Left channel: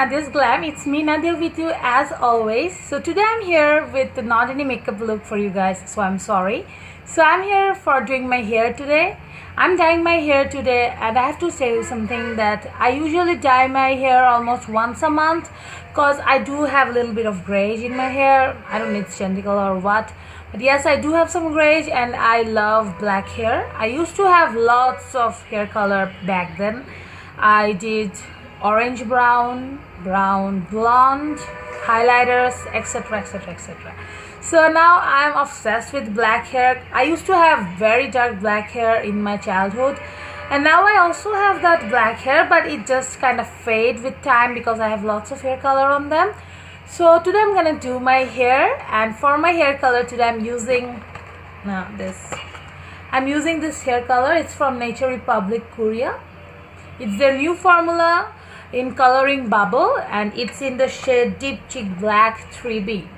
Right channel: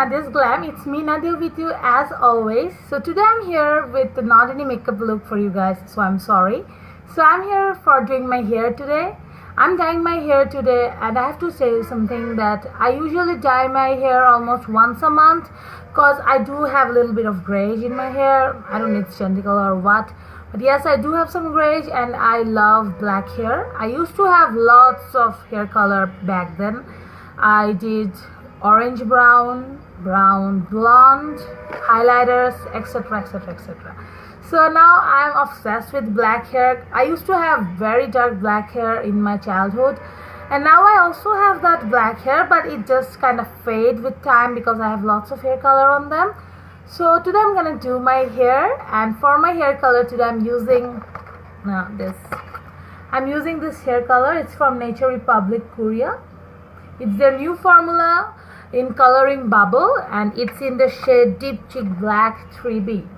Nadia's Glam. It's me, Nadia, with you as always. So today I'm here with not any makeup look for you guys, so I'm sorry. So I'm here for doing my hair today. I'm dyeing my hair today, and I have to tell you something that I usually dye my hair almost once a month because I do have a little bit of grayish in my hair. I don't know if it's genital or what. But yes, I do have some grayish and I love black hair. I used to have lots of hair color back then. I did orange brown, brown blonde, highlighters, etc, etc, etc. So now I'm obsessed with black hair. I used to have very dark black hair in my childhood, and now I also have that black hair, but it just kind of fade with time because I have lots of hair color on them. So today I'm gonna do my hair, and for my hair color today I'm using this hair color. It's from Nature Republic Korea. It's their new formula in coloring bubble, and it's in the shade Deep Chic Black 3B.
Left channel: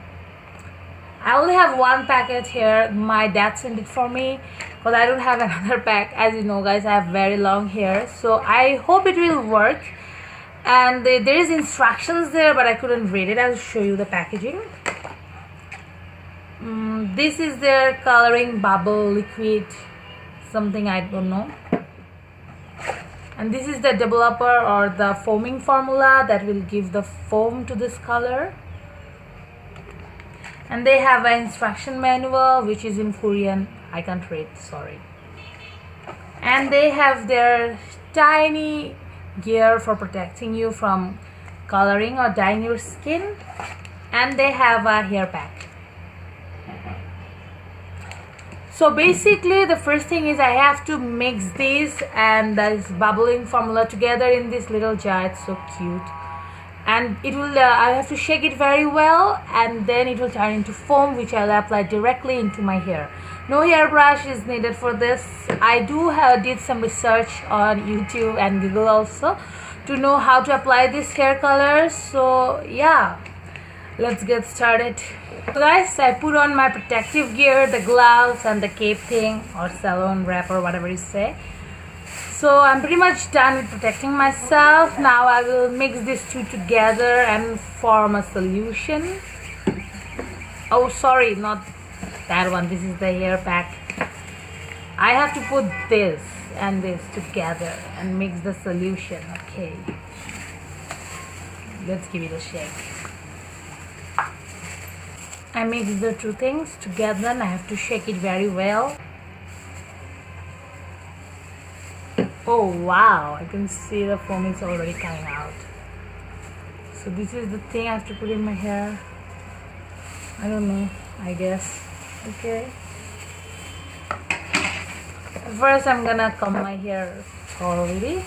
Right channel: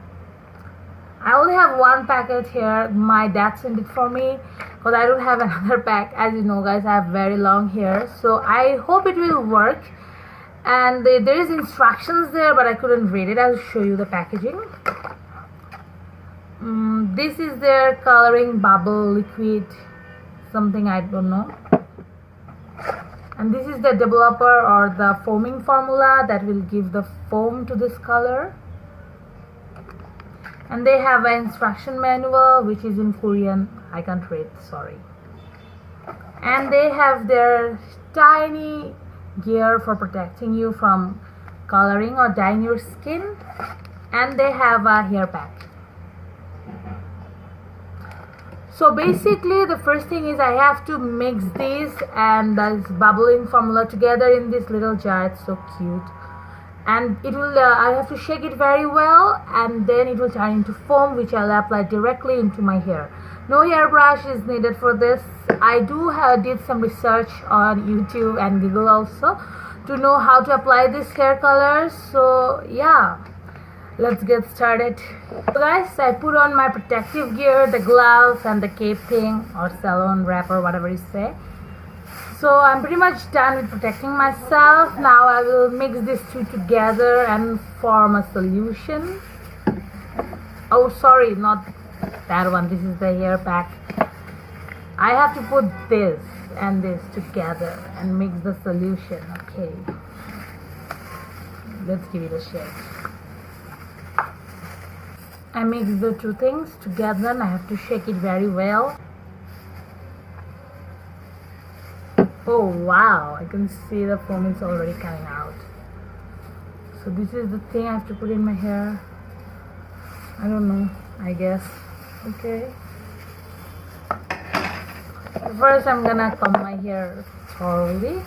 I only have one packet here. My dad sent it for me because I don't have another pack. As you know guys, I have very long hair, so I hope it will work. And there is instructions there, but I couldn't read it. I'll show you the packaging. This is their coloring bubble liquid, something I don't know. And this is the developer or the foaming formula that will give the foam to this color. And they have an instruction manual which is in Korean. I can't read, sorry. And they have their tiny gear for protecting you from coloring or dyeing your skin. And they have a hair pack. So basically the first thing is I have to mix this and this bubbling formula together in this little jar. It's so cute. And it will I have to shake it very well, and then it will turn into foam, which I'll apply directly into my hair. No hairbrush is needed for this. I did some research on YouTube and Google also to know how to apply this hair color. So yeah, let's get started. So guys, I put on my protective gear, the gloves and the cape thing, or salon wrap, or whatever you say. So I'm pretty much done with protecting myself. Now I will mix these two together and form a solution. Oh sorry, not that one. This is the hair pack. I have to put this and this together and mix the solution. Okay, let's give it a shake. I mix the two things together and I have to shake it very well. Oh wow, I can see the foam is already coming out. So this is the thing I have to put in my hair. I don't know, I guess. Okay. First I'm gonna comb my hair thoroughly.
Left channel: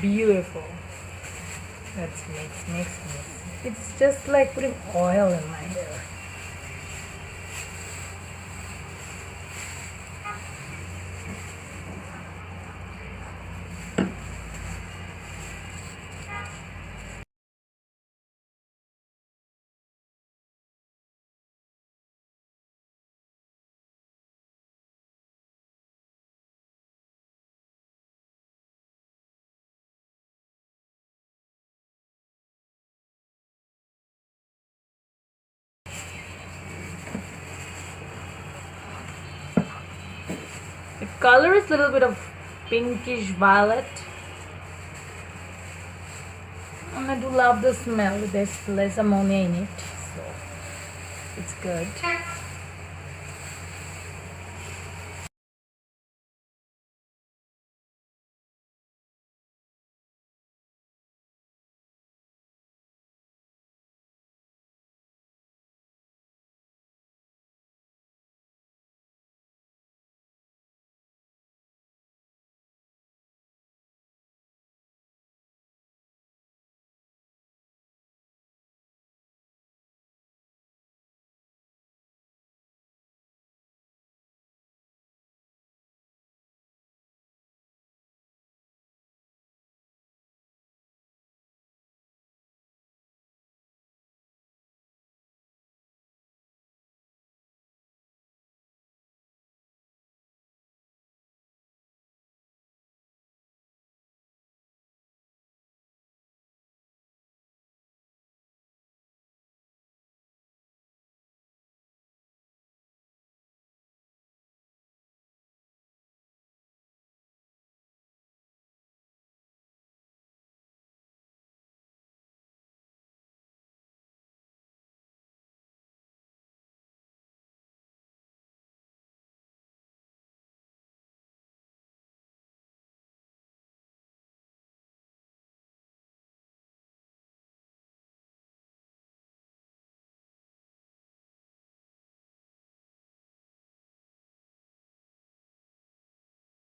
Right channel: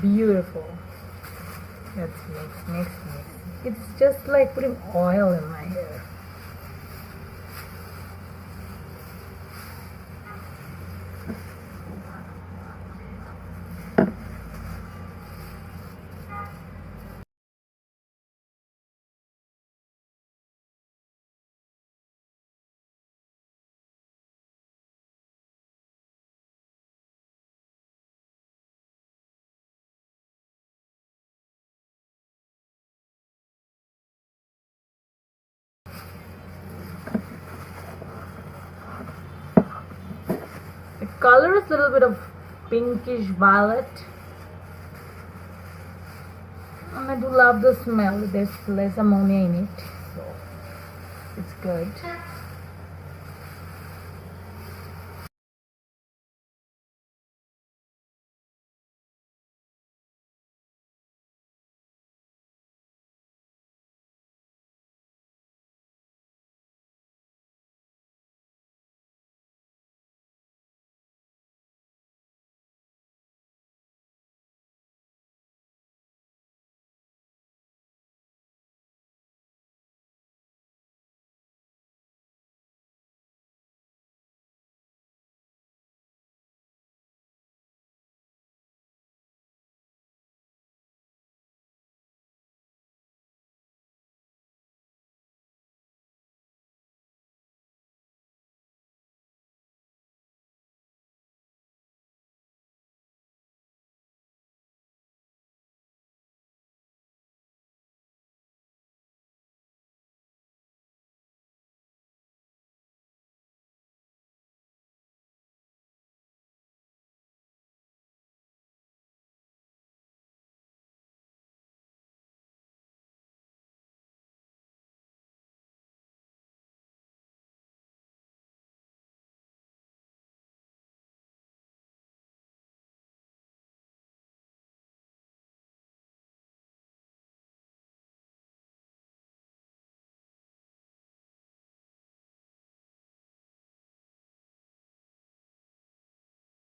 Beautiful. Let's mix. It's just like putting oil in my hair. The color is a little bit of pinkish violet. And I do love the smell. There's less ammonia in it, so it's good.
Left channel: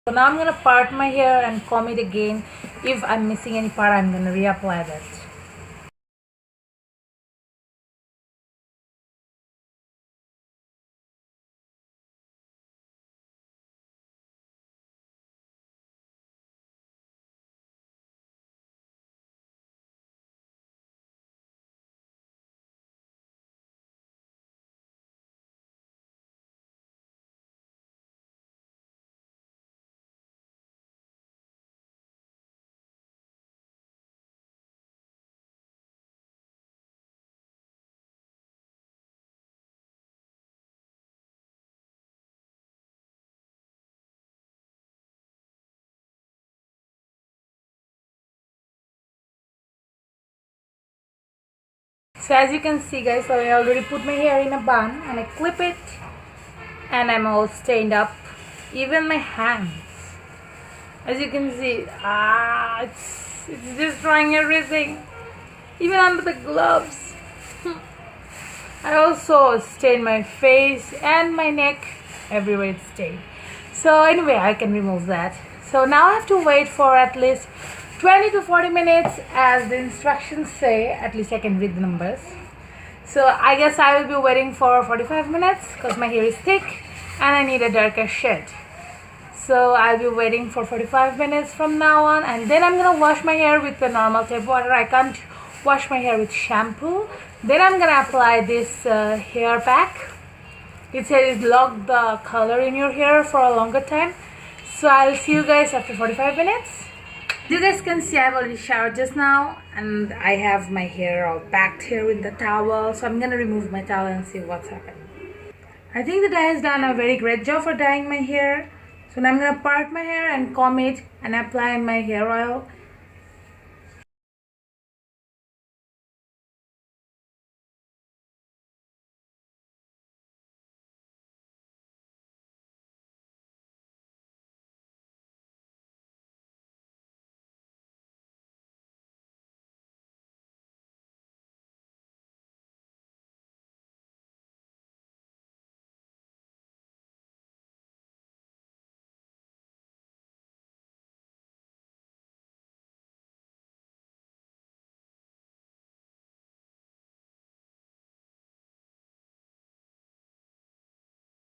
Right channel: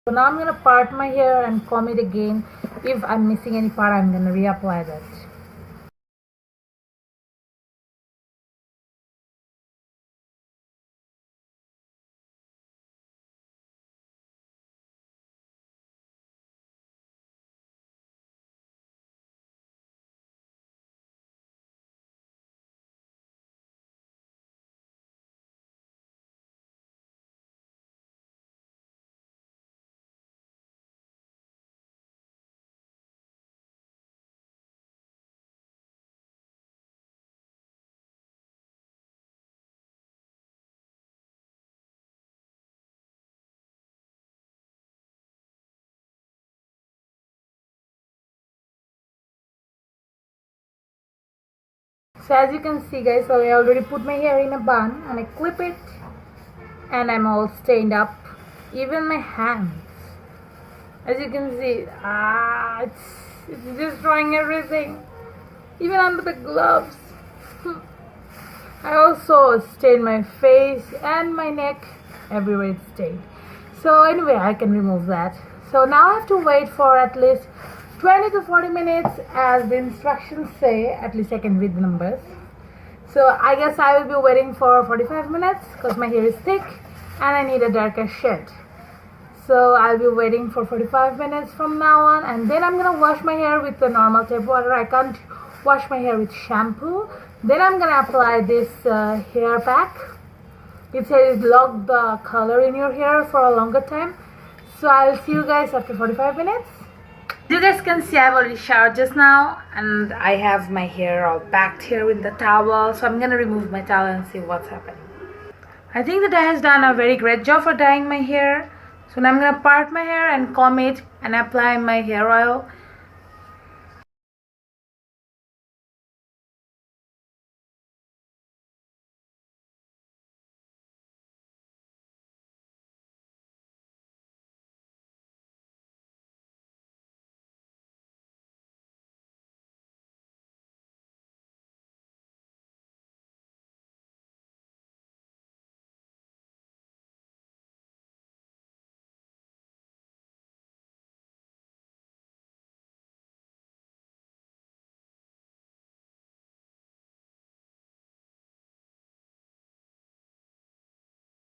So now I'm gonna part my hair and comb it again. If I'm missing any part, I'm gonna reapply that. So as you can see guys, so I already put my hair in a bun and I clip it and I'm all stained up. Even my hands. As you can see, it's destroying everything. Even under the gloves. I also stained my face and my neck. Everywhere it's stained. So anyway, I can remove that. So now I have to wait for at least 20 to 40 minutes as the instructions say. At least I can read the numbers. So I guess I will be waiting for 45 minutes because my hair is thick and I need a darker shade. So I'll be waiting for 45 minutes from now on, and then I'm gonna wash my hair with the normal tap water. I can't wash my hair with shampoo. Then I'm gonna apply this hair pack. It says lock the color in your hair for a longer time. So I'll see you guys after 45 minutes. You guys can see I've already showered just now and I have my hair all packed here with the towel. So I'm gonna remove my towel and see what's happening. I think the dye has done a very great job for dyeing my hair. So now I'm gonna part my hair and comb it and apply my hair oil.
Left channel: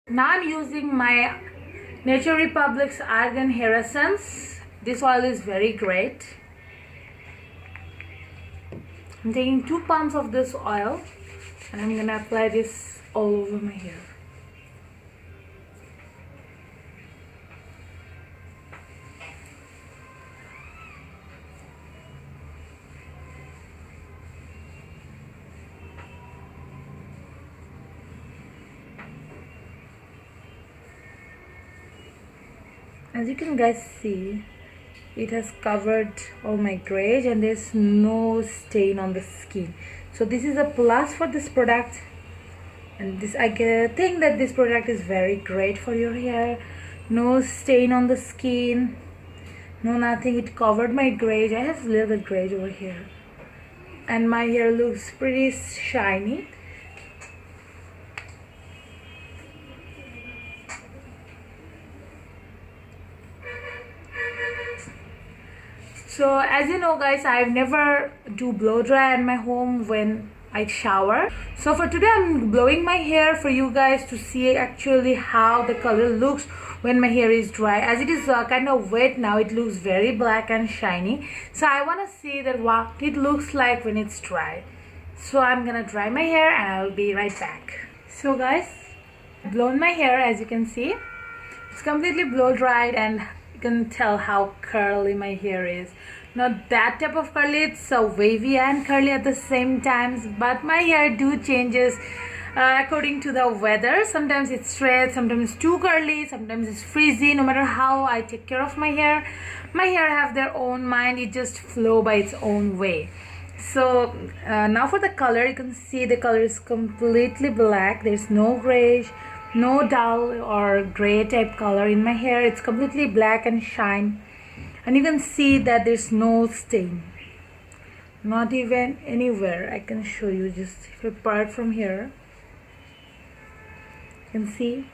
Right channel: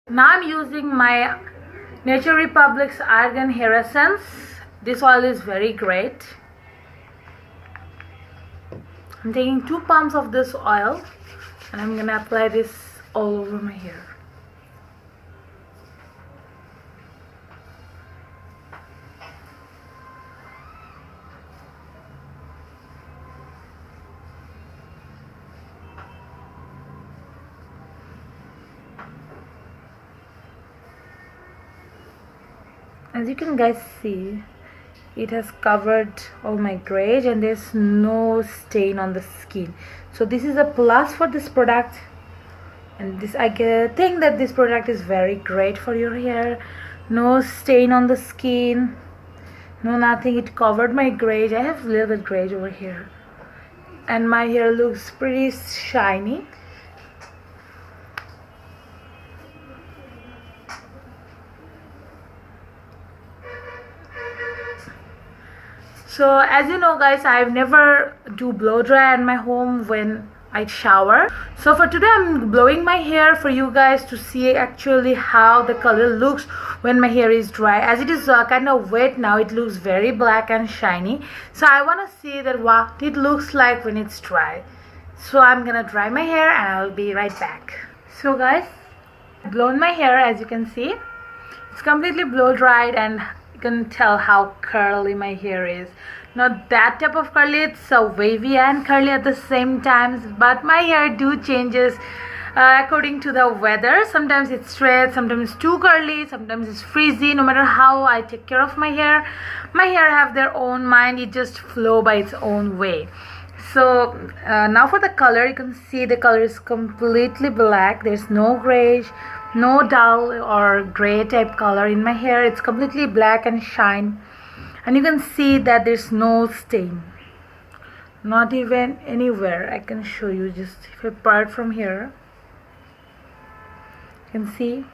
Now I'm using my Nature Republic's Argan Hair Essence. This oil is very great. I'm taking 2 pumps of this oil and I'm gonna apply this all over my hair. As you can guys see, it has covered all my grays and there's no stain on the skin. So this is a plus for this product, and this I think that this product is very great for your hair. No stain on the skin, no nothing. It covered my grays. I have a little bit grays over here and my hair looks pretty shiny. So as you know guys, I've never do blow dry at my home when I shower. So for today I'm blowing my hair for you guys to see actually how the color looks when my hair is dry. As it is kind of wet now, it looks very black and shiny. So I want to see that what it looks like when it's dry. So I'm gonna dry my hair and I'll be right back. So guys, I've blown my hair. As you can see, it's completely blow dried and you can tell how curly my hair is. Not that type of curly, it's wavy and curly at the same times, but my hair do changes according to the weather. Sometimes it's straight, sometimes it's too curly, sometimes it's frizzy. No matter how I take care of my hair have their own mind. It just flow by its own way. So now for the color, you can see the color is completely black. There's no grayish, no dull or gray type color in my hair. It's completely black and shine, and you can see that there's no stain, not even anywhere. I can show you, just if I part from here, you can see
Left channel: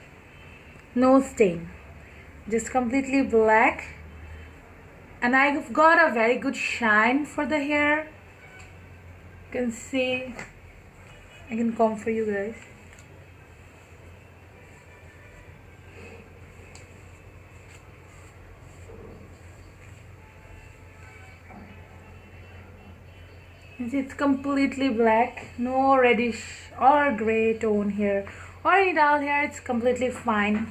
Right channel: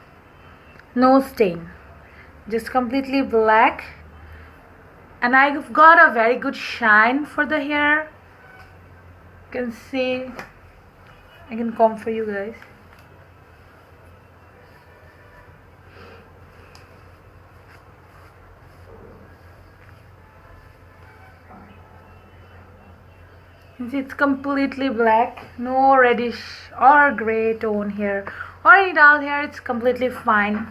no stain. just completely black, and I've got a very good shine for the hair. You can see, I can comb for you guys. It's completely black, no reddish or gray tone here or any dull hair. It's completely fine.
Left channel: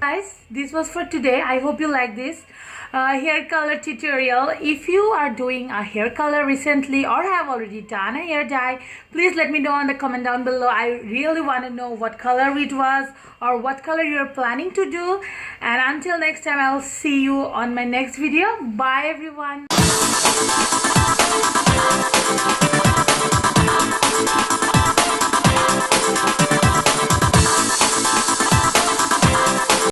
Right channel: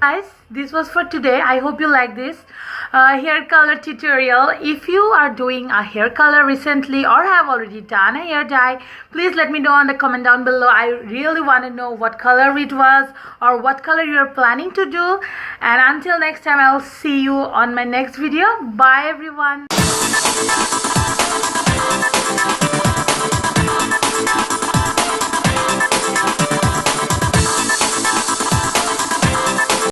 Guys, this was for today. I hope you like this hair color tutorial. If you are doing a hair color recently or have already done a hair dye, please let me know on the comment down below. I really want to know what color it was or what color you are planning to do. And until next time, I'll see you on my next video. Bye everyone.